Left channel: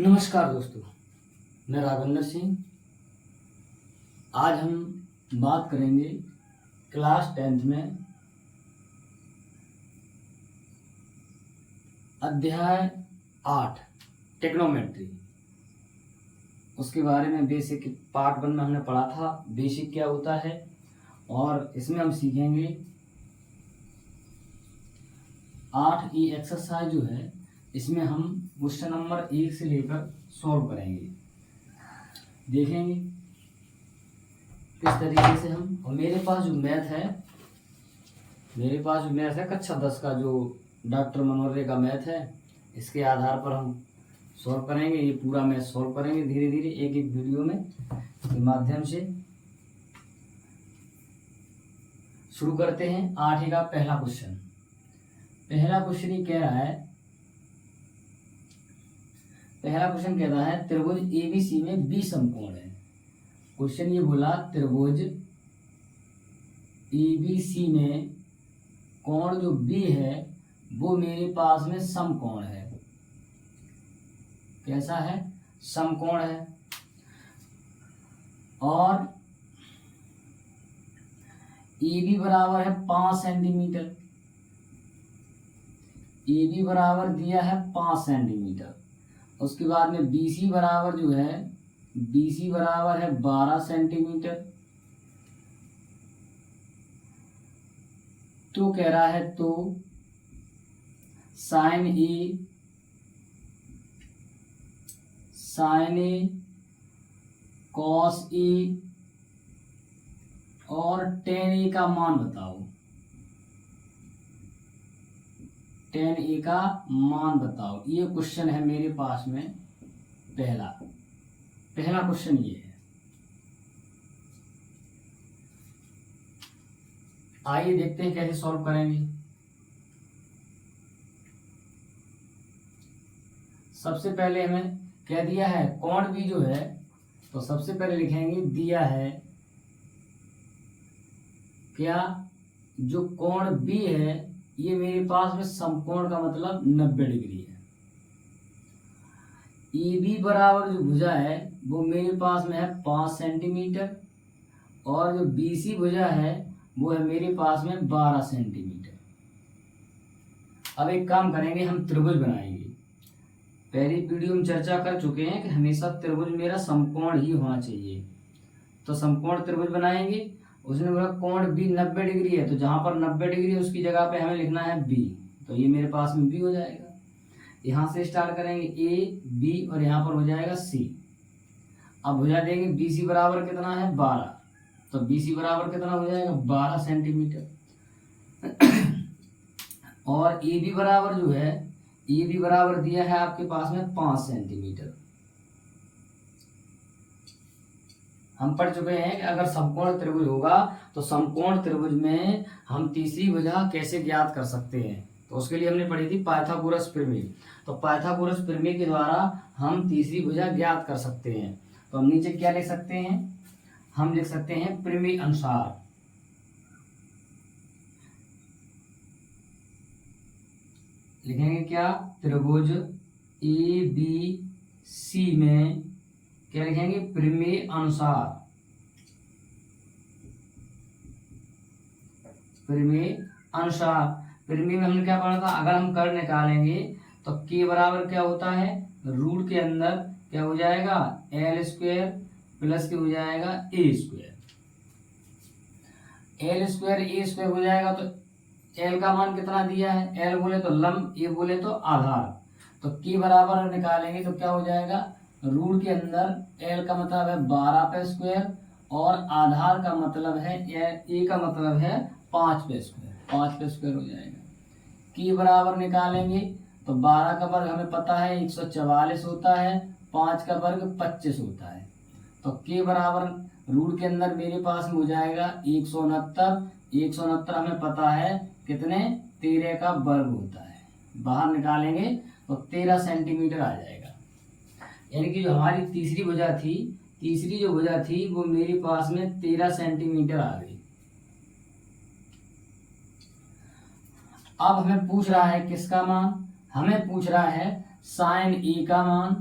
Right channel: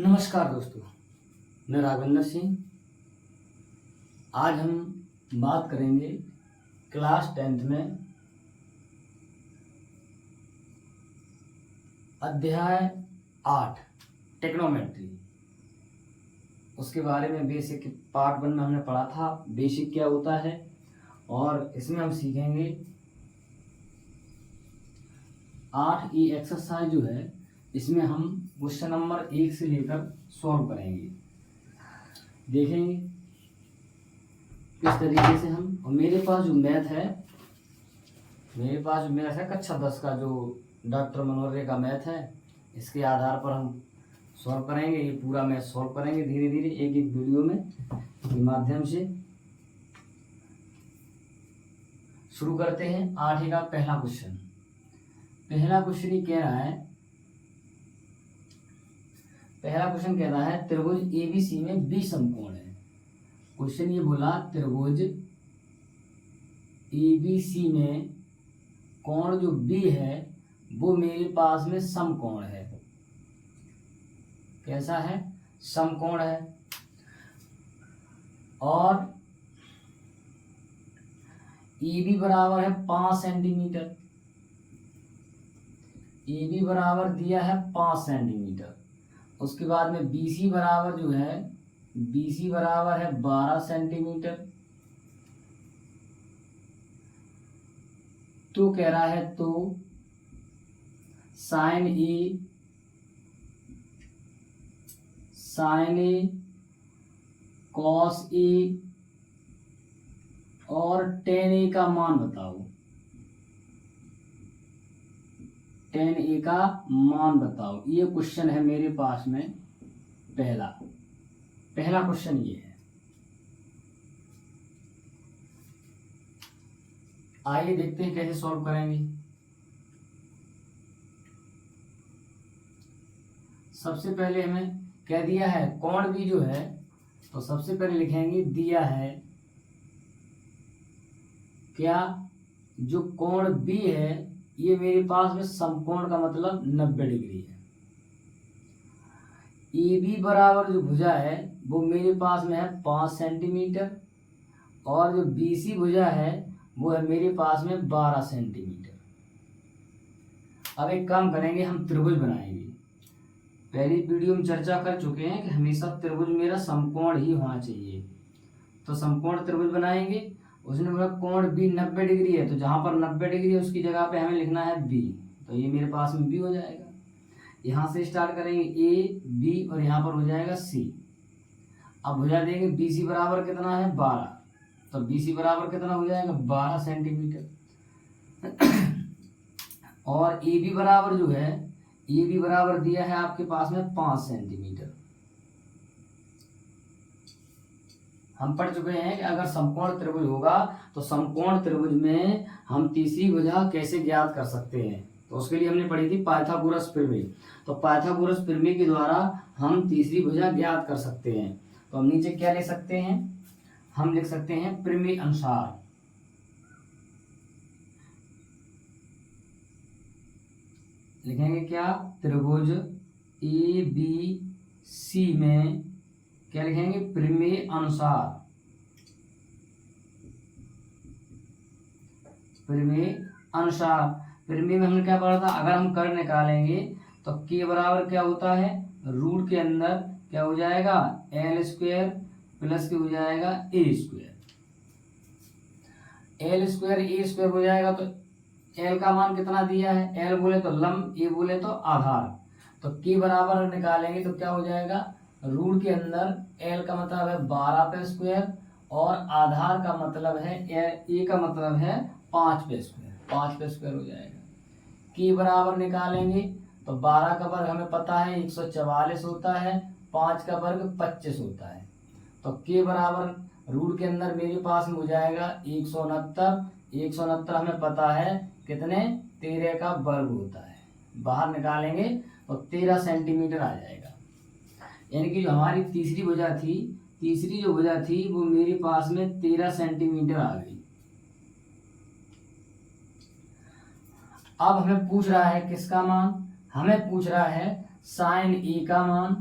नमस्कार दोस्तों, मैं राघवेंद्र सिंह। आज हम बात करेंगे क्लास 10th में अध्याय 8 टेक्नोमेट्री। उसके बारे में बेसिक पार्ट 1 में हमने पढ़ा था बेसिक क्या होता है, और इसमें हम सीखेंगे 8E एक्सरसाइज जो है इसमें हम क्वेश्चन नंबर 1 से लेकर सॉल्व करेंगे, देखेंगे किस तरीके से हम। और मेरे पास जो मैथ है कक्षा 10 का जो डॉक्टर मनोहर का मैथ है, इसके आधार पर हम सॉल्व करेंगे। ये पूरा मैथ सॉल्व करेंगे धीरे धीरे एक एक वीडियो में के माध्यम से। शुरू करते हैं 8 का पहला क्वेश्चन। ये कह रहा है, पहला क्वेश्चन कह रहा है त्रिभुज एबीसी में बी समकोण है। क्वेश्चन ये बोला त्रिभुज एबीसी में कोण जो बी है वो मेरे पास में समकोण है। कैसा है? समकोण है। और AB बराबर है 5 सेंटीमीटर। AB बराबर दिया है 5 सेंटीमीटर। उसके बाद में BC बराबर जो है BC बराबर है 12 सेंटीमीटर। तो कह रहा है तो साइन ए कॉस ए और टेन ए का मान बताओ। टेन ए का मान बताओ। ये क्वेश्चन है मेरे पास में पहला क्वेश्चन ये है। आइए देखते हैं कैसे सॉल्व करेंगे। सबसे पहले हमें क्या दिया है, कोण भी जो है, तो सबसे पहले लिखेंगे दिया है क्या, जो कोण बी है ये मेरे पास में समकोण का मतलब 90 डिग्री है। AB बराबर जो भुजा है वो मेरे पास में है 5 सेंटीमीटर, और जो BC भुजा है वो है मेरे पास में 12 सेंटीमीटर। अब एक काम करेंगे, हम त्रिभुज बनाएंगे। पहली वीडियो में चर्चा कर चुके हैं कि हमेशा त्रिभुज मेरा समकोण ही होना चाहिए, तो समकोण त्रिभुज बनाएंगे। उसने बोला कोण बी 90 डिग्री है, तो जहां पर 90 डिग्री है उसकी जगह पे हमें लिखना है बी, तो ये मेरे पास में बी हो जाएगा। यहां से स्टार्ट करेंगे ए बी और यहां पर हो जाएगा सी। अब भुजा देंगे BC बराबर कितना है 12, तो BC बराबर कितना हो जाएगा 12 सेंटीमीटर। और AB बराबर जो है, AB बराबर दिया है आपके पास में 5 सेंटीमीटर। हम पढ़ चुके हैं कि अगर समकोण त्रिभुज होगा तो समकोण त्रिभुज में हम तीसरी भुजा कैसे ज्ञात कर सकते हैं, तो उसके लिए हमने पढ़ी थी पाइथागोरस प्रमेय। तो पाइथागोरस प्रमेय के द्वारा हम तीसरी भुजा ज्ञात कर सकते हैं। तो हम नीचे क्या लिख सकते हैं, हम लिख सकते हैं प्रमेय अनुसार। लिखेंगे क्या, त्रिभुज ABC में क्या लिखेंगे, प्रमेय अनुसार। प्रमेय अनुसार, प्रमेय में हमने क्या पढ़ा था, अगर हम कर्ण निकालेंगे तो K बराबर क्या होता है, रूट के अंदर क्या हो जाएगा L स्क्वायर प्लस के हो जाएगा A square. L square A square हो जाएगा, तो L का मान कितना दिया है, L बोले तो लंब, A बोले तो आधार। तो K बराबर निकालेंगे तो क्या हो जाएगा, रूट के अंदर L का मतलब है 12 पे स्क्वायर और आधार का मतलब है A का मतलब है 5 पे स्क्वायर, 5 पे स्क्वायर हो जाएगा। K बराबर निकालेंगे तो 12 का वर्ग हमें पता है 144 होता है, 5 का वर्ग 25 होता है। तो K बराबर रूट के अंदर मेरे पास में हो जाएगा 169 हमें पता है कितने, 13 का वर्ग होता है। बाहर निकालेंगे तो 13 सेंटीमीटर आ जाएगा। यानी कि जो हमारी तीसरी जो भुजा थी वो मेरे पास में 13 सेंटीमीटर आ गई। अब हमें पूछ रहा है किसका मान, हमें पूछ रहा है साइन ए का मान।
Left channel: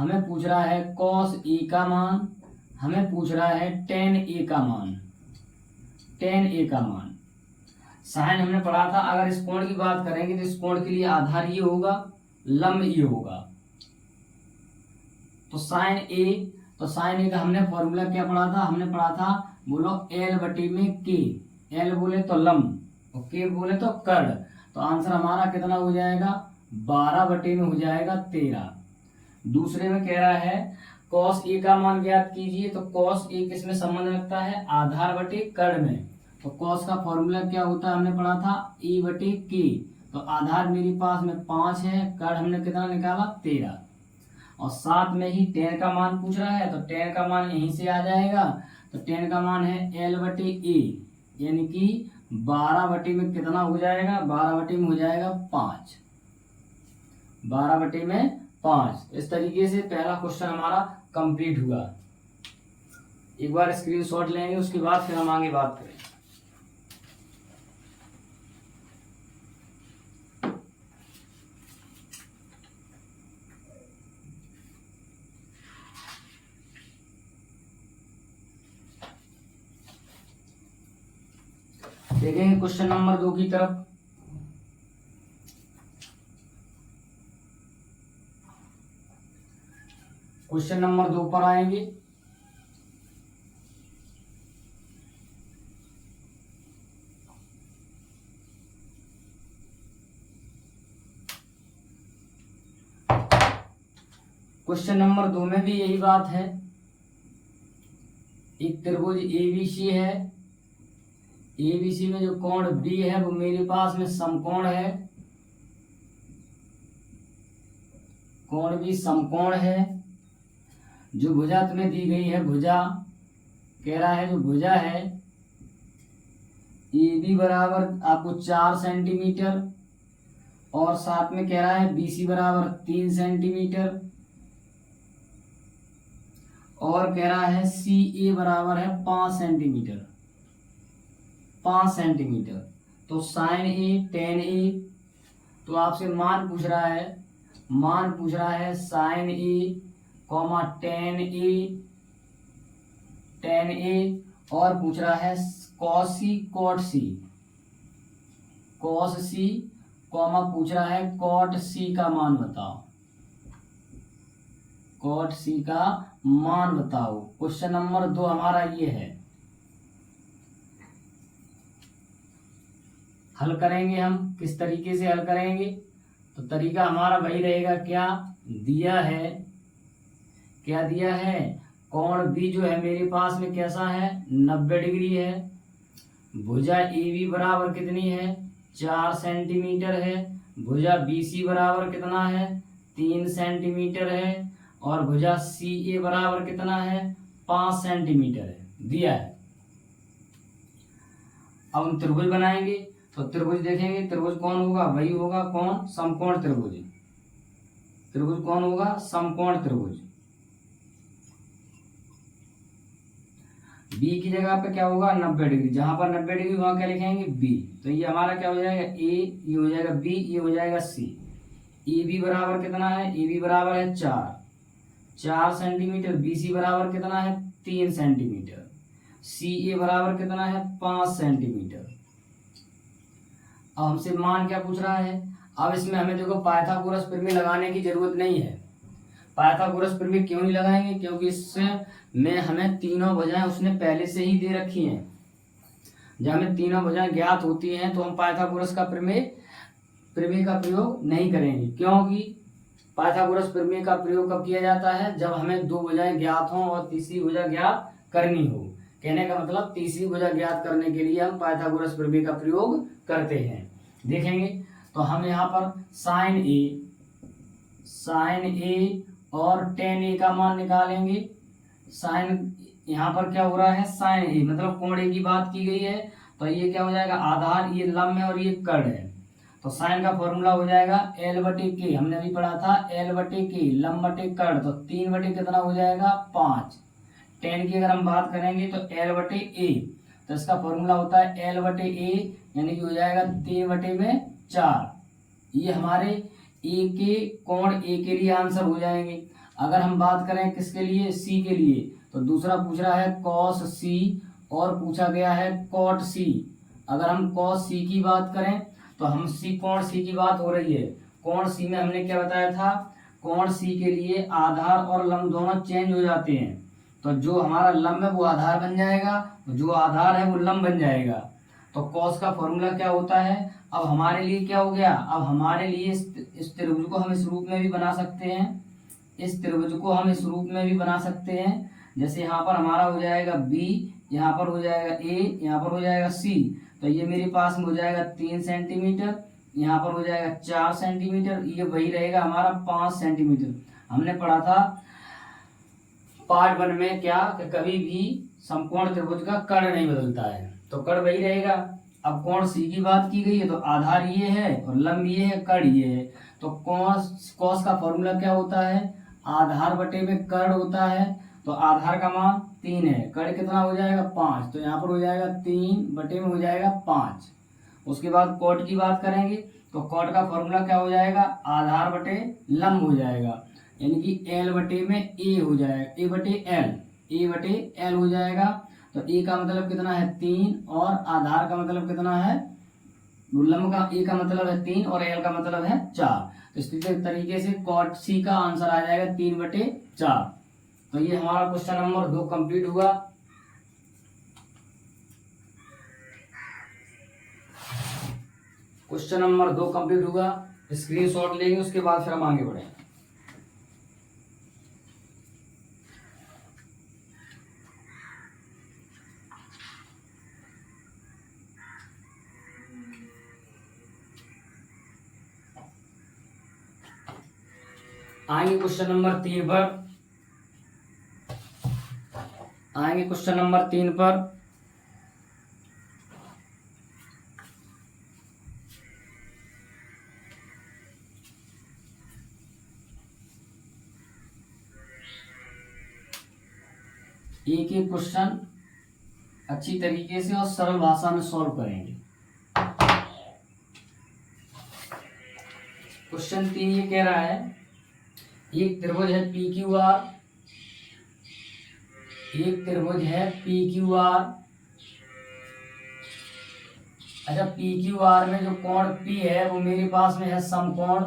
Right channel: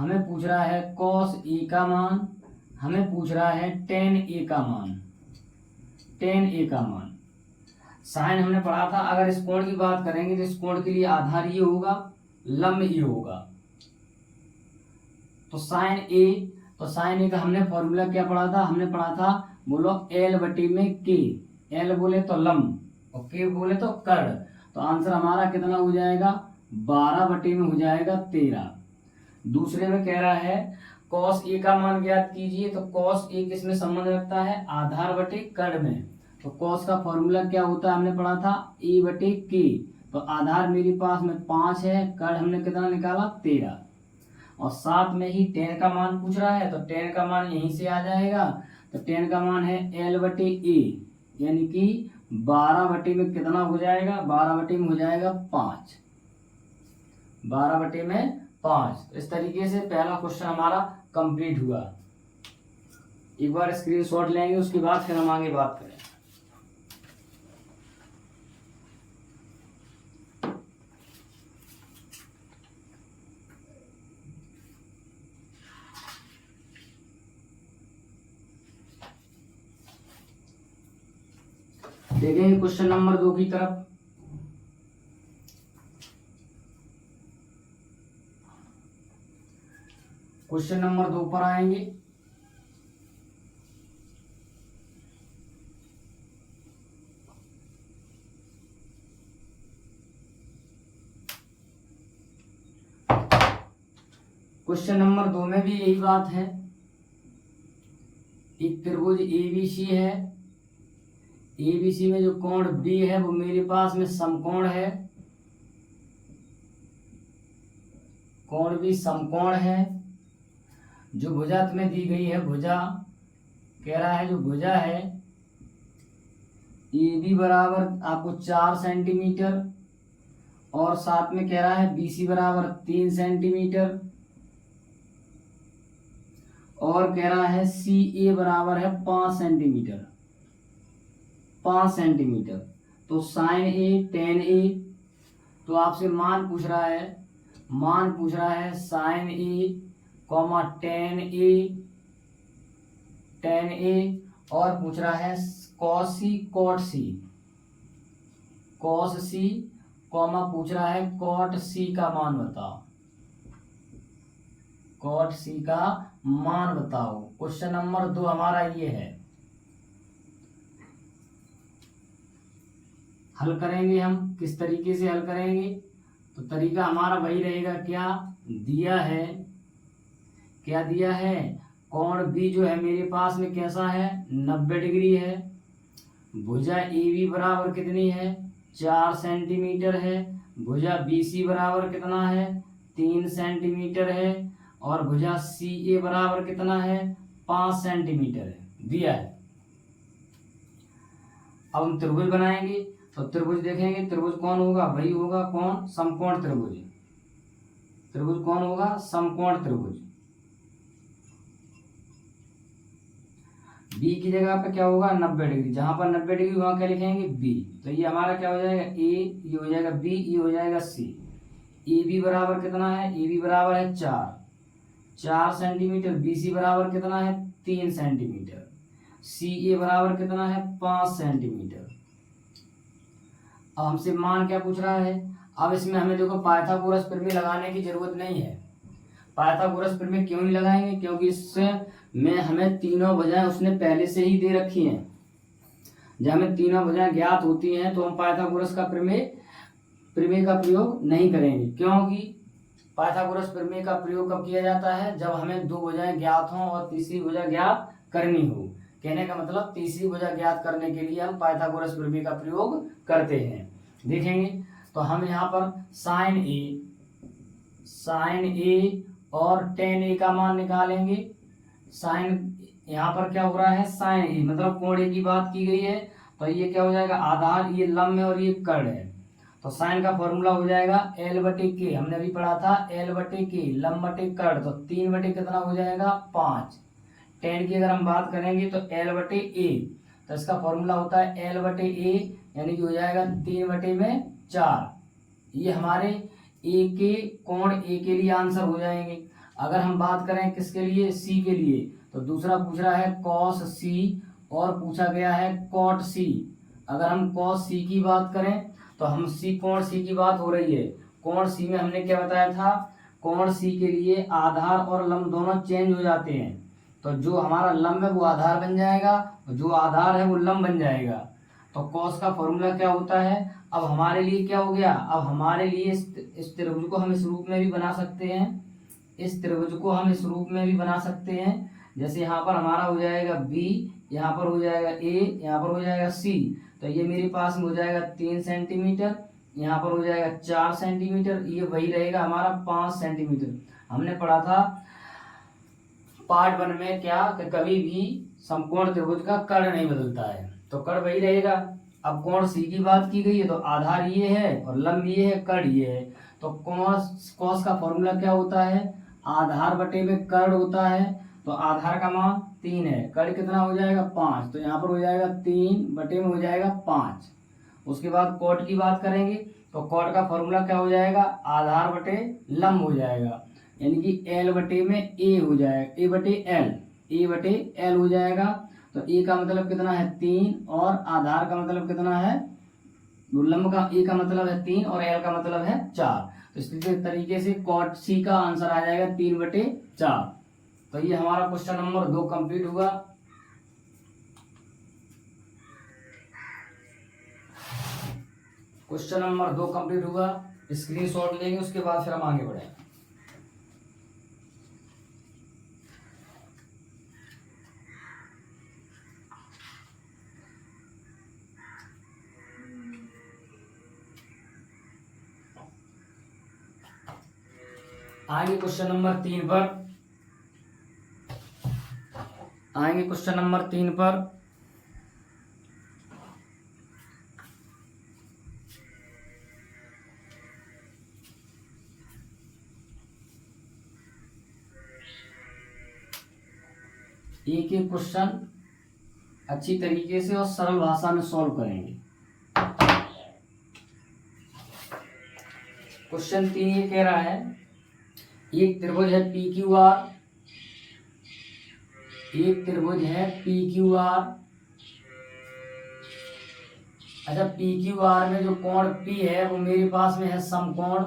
हमें पूछ रहा है कॉस ए का मान, हमें पूछ रहा है टेन ए का मान, टेन ए का मान। साइन हमने पढ़ा था, अगर इस कोण की बात करेंगे तो इस कोण के लिए आधार ये होगा, लंब ये होगा। तो साइन ए, तो साइन ए का हमने फॉर्मूला क्या पढ़ा था, हमने पढ़ा था, बोलो एल बटी में के, एल बोले तो लंब और के बोले तो कर्ण। तो आंसर हमारा कितना हो जाएगा, 12 बटे में हो जाएगा 13। दूसरे में कह रहा है कॉस ए का मान ज्ञात कीजिए, तो कॉस ए किसमें संबंध रखता है, आधार बटे कर्ण में। तो कॉस का फॉर्मूला क्या होता है, हमने पढ़ा था ए बटे के। तो आधार मेरे पास में 5 है, कर्ण हमने कितना निकाला 13, और साथ में ही टेन का मान पूछ रहा है, तो टेन का मान यहीं से आ जाएगा। तो टेन का मान है एल बटे ए, यानी कि 12 बटे में कितना हो जाएगा, 12 बटे में हो जाएगा 5, 12 बटे में 5। इस तरीके से पहला क्वेश्चन हमारा कंप्लीट हुआ। एक बार स्क्रीनशॉट लेंगे, उसके बाद फिर हम आगे बात करें। देखेंगे क्वेश्चन नंबर 2 की तरफ। क्वेश्चन नंबर 2 पर आएंगे। क्वेश्चन नंबर 2 में भी यही बात है, एक त्रिभुज एबीसी है, एबीसी में जो कोण बी है वो मेरे पास में समकोण है, कोण भी समकोण है। जो भुजा तुम्हें दी गई है, भुजा कह रहा है, जो भुजा है ए बी बराबर आपको 4 सेंटीमीटर, और साथ में कह रहा है BC बराबर 3 सेंटीमीटर, और कह रहा है CA बराबर है 5 सेंटीमीटर, 5 सेंटीमीटर। तो साइन ए, टेन ए, तो आपसे मान पूछ रहा है, मान पूछ रहा है साइन ए कॉमा टेन ए, टेन ए, और पूछ रहा है कॉस सी, कॉट सी, कॉस सी, कॉमा पूछ रहा है कॉट सी का मान बताओ, कॉट सी का मान बताओ। क्वेश्चन नंबर 2 हमारा ये है। हल करेंगे हम, किस तरीके से हल करेंगे, तो तरीका हमारा वही रहेगा। क्या दिया है, क्या दिया है, कोण बी जो है मेरे पास में कैसा है, 90 डिग्री है। भुजा ए बी बराबर कितनी है, 4 सेंटीमीटर है। भुजा बी सी बराबर कितना है, 3 सेंटीमीटर है। और भुजा सी ए बराबर कितना है, 5 सेंटीमीटर है, दिया है। अब हम त्रिभुज बनाएंगे, तो त्रिभुज देखेंगे, त्रिभुज कौन होगा, वही होगा कौन, समकोण त्रिभुज। त्रिभुज कौन होगा, समकोण त्रिभुज। बी की जगह पे क्या होगा, 90 डिग्री, जहां पर 90 डिग्री वहां क्या लिखेंगे, बी। तो ये हमारा क्या हो जाएगा, ए, ये हो जाएगा बी, ये हो जाएगा सी। ए बी बराबर कितना है, ए बी बराबर है 4 सेंटीमीटर। बी सी बराबर कितना है, 3 सेंटीमीटर। सी ए बराबर कितना है, 5 सेंटीमीटर। अब हमसे मान क्या पूछ रहा है, अब इसमें हमें देखो पाइथागोरस प्रमेय लगाने की जरूरत नहीं है। पाइथागोरस प्रमेय क्यों नहीं लगाएंगे, क्योंकि इससे में हमें तीनों भुजाएं उसने पहले से ही दे रखी हैं। जब हमें तीनों भुजाएं ज्ञात होती हैं तो हम पाइथागोरस का प्रमेय का प्रयोग नहीं करेंगे, क्योंकि पाइथागोरस प्रमेय का प्रयोग कब किया जाता है, जब हमें 2 भुजाएं ज्ञात हों और तीसरी भुजा ज्ञात करनी हो। कहने का मतलब तीसरी भुजा ज्ञात करने के लिए हम पाइथागोरस प्रमेय का प्रयोग करते हैं। देखेंगे तो हम यहाँ पर साइन ए और टेन ए का मान निकालेंगे। साइन यहाँ पर क्या हो रहा है, साइन ए मतलब कोण ए की बात की गई है, तो ये क्या हो जाएगा, आधार, ये लंब है और ये कर्ण है। तो साइन का फॉर्मूला हो जाएगा एल बटे के, हमने अभी पढ़ा था एल बटे के, लंब बटे कर्ण, तो 3 बटे कितना हो जाएगा, 5। टेन की अगर हम बात करेंगे तो एल बटे ए, तो इसका फॉर्मूला होता है एल बटे ए, यानी कि हो जाएगा 3 बटे में 4। ये हमारे ए के कोण ए के लिए आंसर हो जाएंगे। अगर हम बात करें किसके लिए, सी के लिए, तो दूसरा पूछ रहा है कॉस सी और पूछा गया है कॉट सी। अगर हम कॉस सी की बात करें तो हम सी कोण सी की बात हो रही है। कोण सी में हमने क्या बताया था, कोण सी के लिए आधार और लंब दोनों चेंज हो जाते हैं। तो जो हमारा लंब है वो आधार बन जाएगा और जो आधार है वो लंब बन जाएगा। तो कॉस का फॉर्मूला क्या होता है, अब हमारे लिए क्या हो गया, अब हमारे लिए इस त्रिभुज को हम इस रूप में भी बना सकते हैं, इस त्रिभुज को हम इस रूप में भी बना सकते हैं। जैसे यहाँ पर हमारा हो जाएगा बी, यहाँ पर हो जाएगा ए, यहाँ पर हो जाएगा सी। तो ये मेरे पास में हो जाएगा 3 सेंटीमीटर, यहाँ पर हो जाएगा 4 सेंटीमीटर, ये वही रहेगा हमारा 5 सेंटीमीटर। हमने पढ़ा था पार्ट 1 में क्या कि कभी भी समकोण त्रिभुज का कर्ण नहीं बदलता है, तो कर्ण वही रहेगा। अब कोण सी की बात की गई है तो आधार ये है और लंब ये है, कर्ण ये है। तो कॉस का फॉर्मूला क्या होता है, आधार बटे में कर्ण होता है। तो आधार का मान 3 है, कर्ण कितना हो जाएगा 5, तो यहाँ पर हो जाएगा 3 बटे में हो जाएगा 5। उसके बाद कॉट की बात करेंगे तो कॉट का फॉर्मूला क्या हो जाएगा, आधार बटे लंब हो जाएगा, यानी कि एल बटे में ए हो जाएगा, ए बटे एल हो जाएगा। तो ए का मतलब कितना है 3 और आधार का मतलब कितना है, लंब का ए का मतलब है 3 और एल का मतलब है 4। तो इस तरीके से कॉट सी का आंसर आ जाएगा 3/4। तो ये हमारा क्वेश्चन नंबर 2 कंप्लीट हुआ। क्वेश्चन नंबर 2 कंप्लीट हुआ, स्क्रीनशॉट लेंगे, उसके बाद फिर हम आगे बढ़ेंगे। आएंगे क्वेश्चन नंबर 3 पर, आएंगे क्वेश्चन नंबर 3 पर। एक एक क्वेश्चन अच्छी तरीके से और सरल भाषा में सॉल्व करेंगे। क्वेश्चन 3 ये कह रहा है, एक त्रिभुज है पी क्यू आर, एक त्रिभुज है पी क्यू आर। अच्छा, पी क्यू आर में जो कोण पी है वो मेरे पास में है समकोण,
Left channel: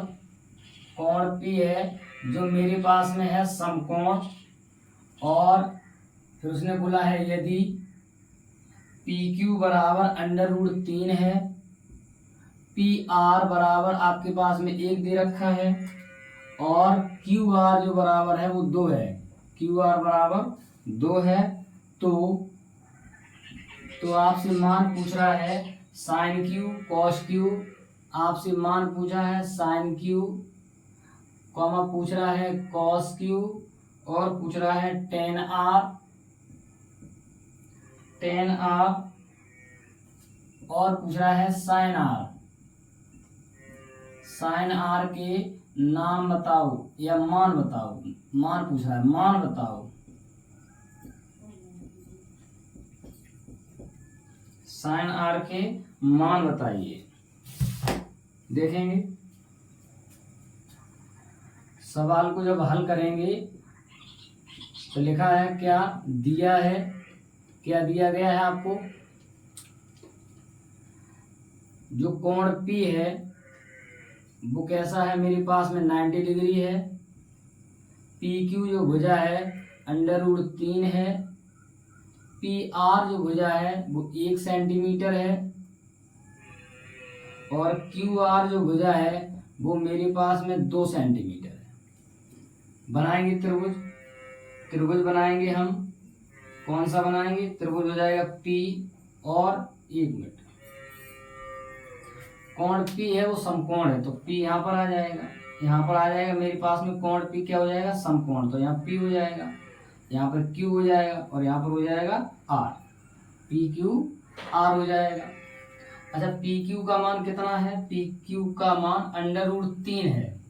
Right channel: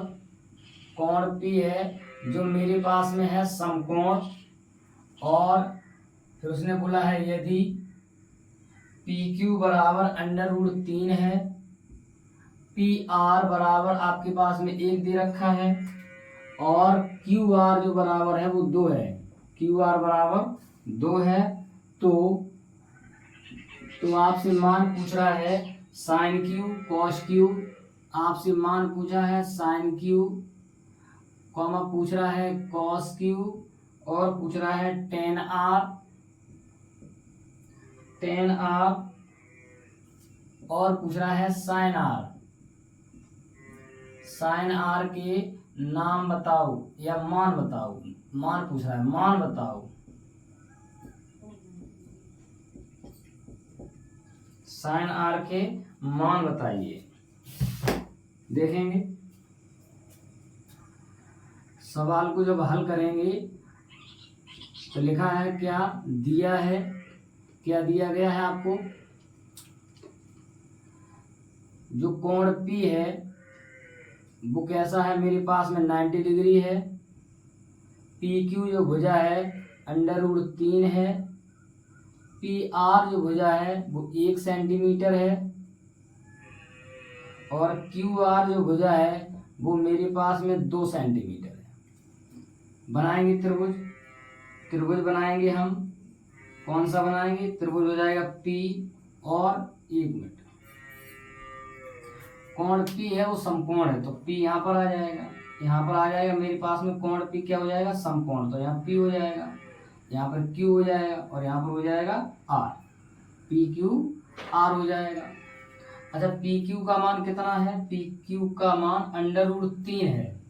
कोण पी है जो मेरे पास में है समकोण। और फिर उसने बोला है यदि पी क्यू बराबर √3 है, पी आर बराबर आपके पास में 1 दे रखा है, और क्यू आर जो बराबर है वो 2 है, क्यू आर बराबर 2 है, तो आपसे मान पूछ रहा है साइन क्यू कॉस क्यू, आपसे मान पूछा है साइन क्यू, कॉमा पूछ रहा है कॉस क्यू, और पूछ रहा है टेन आर, और पूछ रहा है साइन आर। साइन आर के नाम बताओ या मान बताओ, मान पूछ रहा है, मान बताओ। साइन आर के मान बताइए। देखेंगे सवाल को जब हल करेंगे तो लिखा है क्या दिया है, क्या दिया गया है आपको, जो कोण P है वो कैसा है, मेरे पास में 90 डिग्री है। PQ जो भुजा है √3 है, PR जो भुजा है वो 1 सेंटीमीटर है, और QR जो भुजा है वो मेरे पास में 2 सेंटीमीटर है। बनाएंगे त्रिभुज बनाएंगे हम, कौन सा बनाएंगे, त्रिभुज हो जाएगा P और 1 मिनट, कोण P है वो समकोण है, तो P यहाँ पर आ जाएगा, यहाँ पर आ जाएगा मेरे पास में कोण P क्या हो जाएगा, समकोण, तो यहाँ P हो जाएगा, यहाँ पर Q हो जाएगा, और यहाँ पर हो जाएगा R, PQR हो जाएगा। अच्छा, PQ का मान कितना है, PQ का मान √3 है,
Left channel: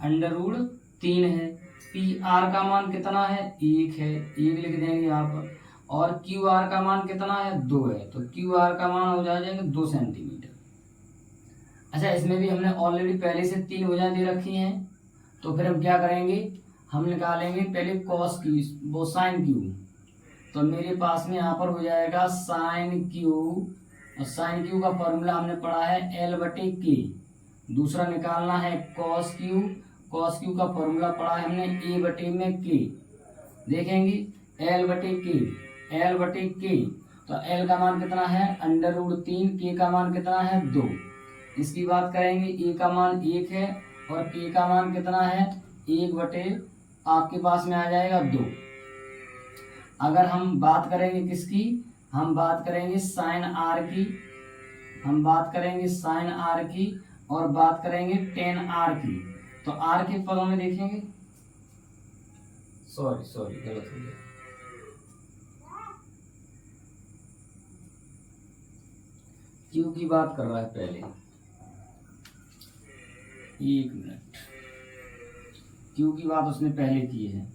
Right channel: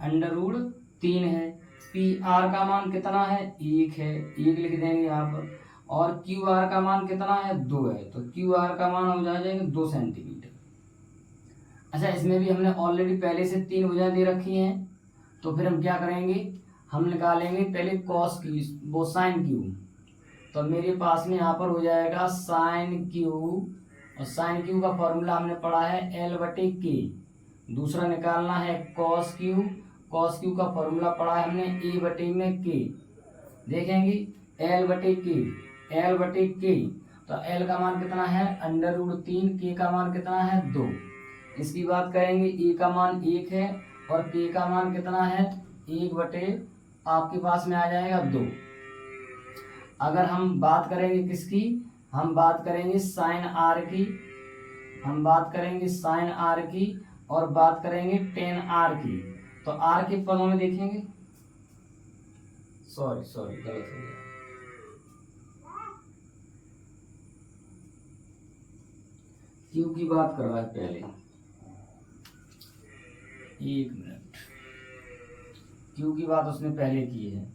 √3 है। PR का मान कितना है, 1 है, 1 लिख देंगे यहाँ पर, और QR का मान कितना है, 2 है, तो QR का मान हो जाएगा 2 सेंटीमीटर। अच्छा, इसमें भी हमने ऑलरेडी पहले से 3 भुजाएं दे रखी हैं, तो फिर हम क्या करेंगे, हम निकालेंगे पहले कॉस क्यू, वो साइन क्यू। तो मेरे पास में यहाँ पर हो जाएगा साइन क्यू, और साइन क्यू का फॉर्मूला हमने पढ़ा है L/K। दूसरा निकालना है कॉस क्यू, कॉस क्यू का फॉर्मूला पढ़ा है हमने A/K। देखेंगे L/K, L/K। तो L का मान कितना है √3, K का मान कितना है 2। इसकी बात करेंगे, A का मान 1 है और K का मान कितना है 1/ आपके पास में आ जाएगा 2। अगर हम बात करेंगे किसकी, हम बात करेंगे साइन आर की, हम बात करेंगे साइन आर की और बात करेंगे टेन आर की। तो आर के पदों में देखेंगे, सॉरी गलत हो गया, क्यू की बात कर रहा है पहले, एक मिनट, क्यू की बात उसने पहले की है।